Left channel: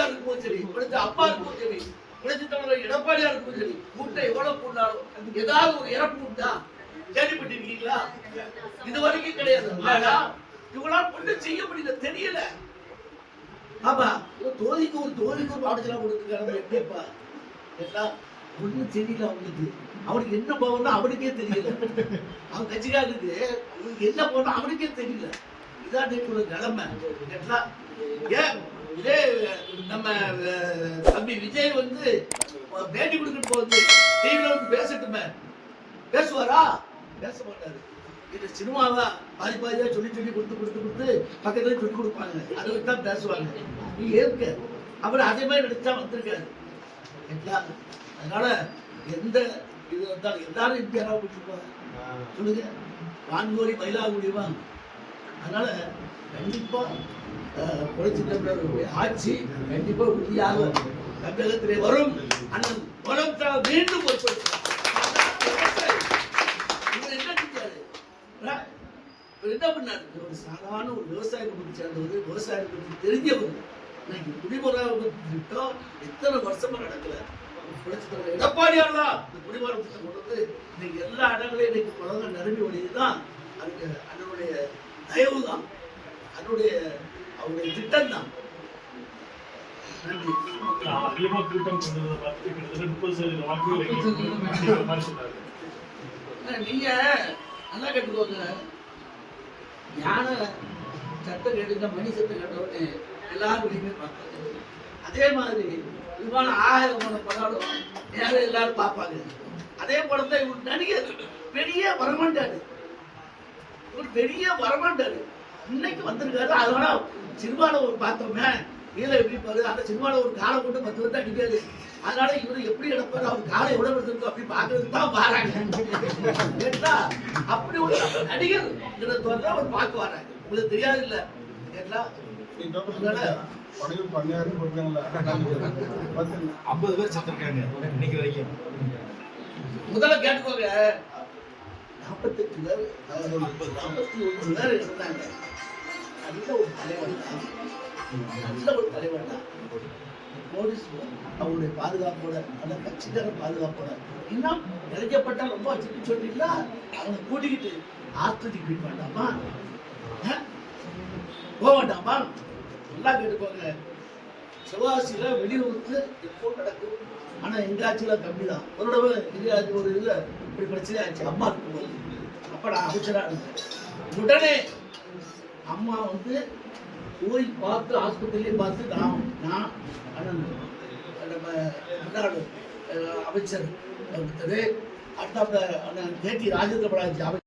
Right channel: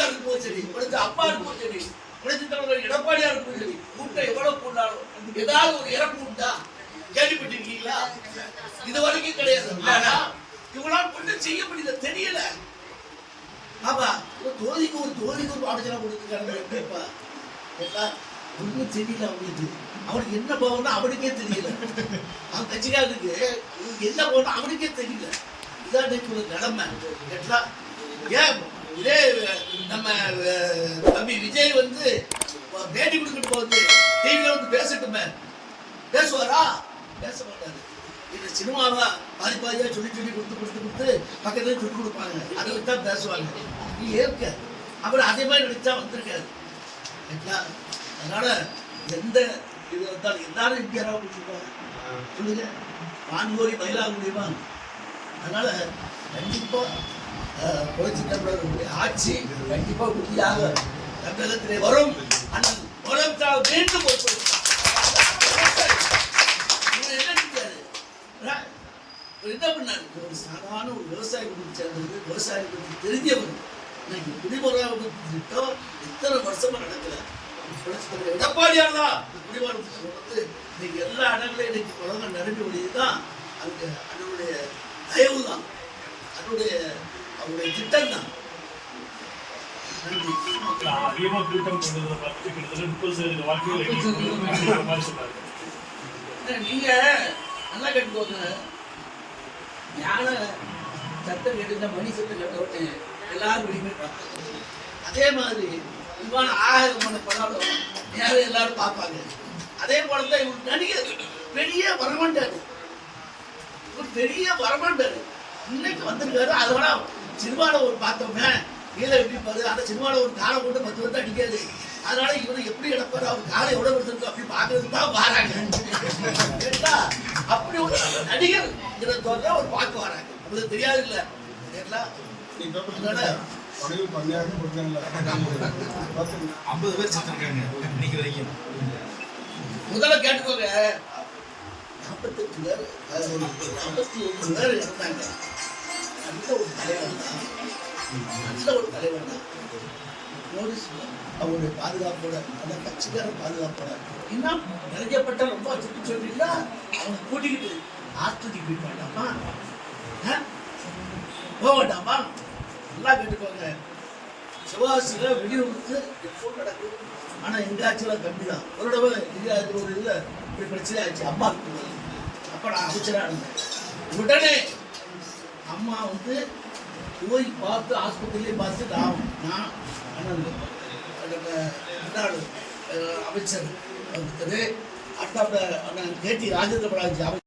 பெரியார் இருக்கும் சரி, உனக்கு அப்பா இருக்கும் சரி, உனக்கு தலைவர் எடப்பாடியா இருக்கும் சரி, கூட்டம் எவ்வளவு கூட்டாலும் ஏதாவது ஒரு இறப்பு உண்டா? கேள்விப்பட்டிருக்கீங்களா? இது வரைக்கும் கிடையாது. ஆனா இவங்களால் ஒன்றும் செய்ய முடியல, தெரியல. ஆமா, தோழிக்கு ஒரு பாடசாலை கொடுத்துருக்காங்க. எப்படிப்பா ஒன்றும் தெரியல அவனுக்கு. அவனுக்கு என்ன போகணும் அவனுக்கே தெரியல. அவன் கட்சிக்காரனுக்கு என்ன போகணும் அவனுக்கே தெரியல. இதான் ஒரு நிலைமை. ஏன் இதே நம்ம தம்பி விஜய் வந்து பேட்டி கொடுக்கிட்டு போகுது, டிவில வந்து பேசட்டுமே, பேசுவாரா? பேச மாட்டாரு. இது சினிமாவா பாதி பாதியா சொல்லி கொடுத்து பக்கத்துல சொல்லி கொடுப்பாங்க, அதை தான் பேசுவாங்க. நீ ஏற்க அவர் அதே மாதிரி நடிச்சா வந்திருக்காரு. அதனால எந்த இது வந்தாலும் எல்லாரும் இந்தியாராக கொடுத்துருப்பாங்க. சொல்லுங்க, வான்கோரி மயிலாகுடிவா. அதனால கண்டிப்பா புரட்சி தமிழர்களுடைய ஆட்சி கண்டிப்பா உறுதியாக தமிழகத்திலே வரும். அண்ணன் முதலமைச்சர் மீண்டும் பொறுப்பெடுக்கிறார். என்ன பண்ணாரு? ஒரு சாதாரண ஒரு விவசாய குடும்பத்தை சேர்ந்தது, விவசாய பற்றி தெரிஞ்சவர். இன்னைக்கு குடிமராமத்து திட்டம் எத்தனை வருஷமா நடக்கல. எடப்பாடியார் தான் குடிமராமத்து திட்டம் வந்து இன்னைக்கு எல்லா இடங்களையும் இன்னைக்கு குளங்கள் நிரம்பி ஒழியதுதான் அங்க அதனுடைய தயவு தான், அவருடைய திட்டம் தான். நன்றி. நீங்க நல்லா கேட்டுக்கோங்க. ஞான சத்தம் கேட்டு மணி சத்தம் கேட்ட உடனே எல்லாரும் வெளியுமே பார்ப்பாங்க. அதே மாதிரி விமான 1000 படம் நேரம் எல்லாரும் பார்ப்பாங்க. அதே படம் தான் இவர் நடிகர் பெரிய வரமாட்டாரு, இவர் பெரிய வரமாட்டாரு. இன்னைக்கு வந்திருக்காரு. அதனால சினிமாவில் ஒரு பார்த்தோமே கீழே எப்படிப்பாரு, அந்த சினிமாவில் ஒரு காலை போட்டு 10 வந்து அடிக்காது. அதனால இவரு எப்படி எடுப்பாரு, அவர் காலை எவ்வளவு எடுத்திருக்கோம் அப்படி பாக்குறதுக்கு தான் வராங்க. கேட்டா அப்படி ஒரு நடிகர் ஒரு பார்க்க வராங்க. உங்களுக்கு தெரியாது இல்ல? கேட்டா 50 பேர் செத்துருக்காங்க இன்னைக்கு வரைக்கும். முதல்ல கேட்டுக்கோங்க, 48 பேர் 51 பேர் இருந்தாங்க. நல்ல ஒரு தலைவர் தான், நல்ல ஒரு தலைவர் தான். அவருடைய பாதுகாப்போட, அந்த கட்சிக்கார பாதுகாப்போட இன்னும் நிறையப்பட்ட ரொம்ப சுற்றி சொல்றீங்களா, அவனை கூட்டிக்கிட்டு ஆஸ்பத்திரிக்கு போய் வேண்டாமா, போக வேண்டாமா? நல்லா கேட்டுக்கோங்க. சிவாசியில வெடிவிபத்து எப்போ நடக்கும். ஆனா எங்க ஆட்சியெல்லாம் கம்மி தான். ஒரு தடவை இது ஒரு இதுல இப்படி பிரச்சனை ஆச்சு. அம்மா அப்ப நான் அமைச்சரா இருந்தேன். உடனே அம்மா வந்து போய் பார்த்து ஆஸ்பத்திரியிலே பார்த்து நான் அமைச்சர் அடுத்த அண்ணன் கேடி ராஜேந்திர பாலாஜி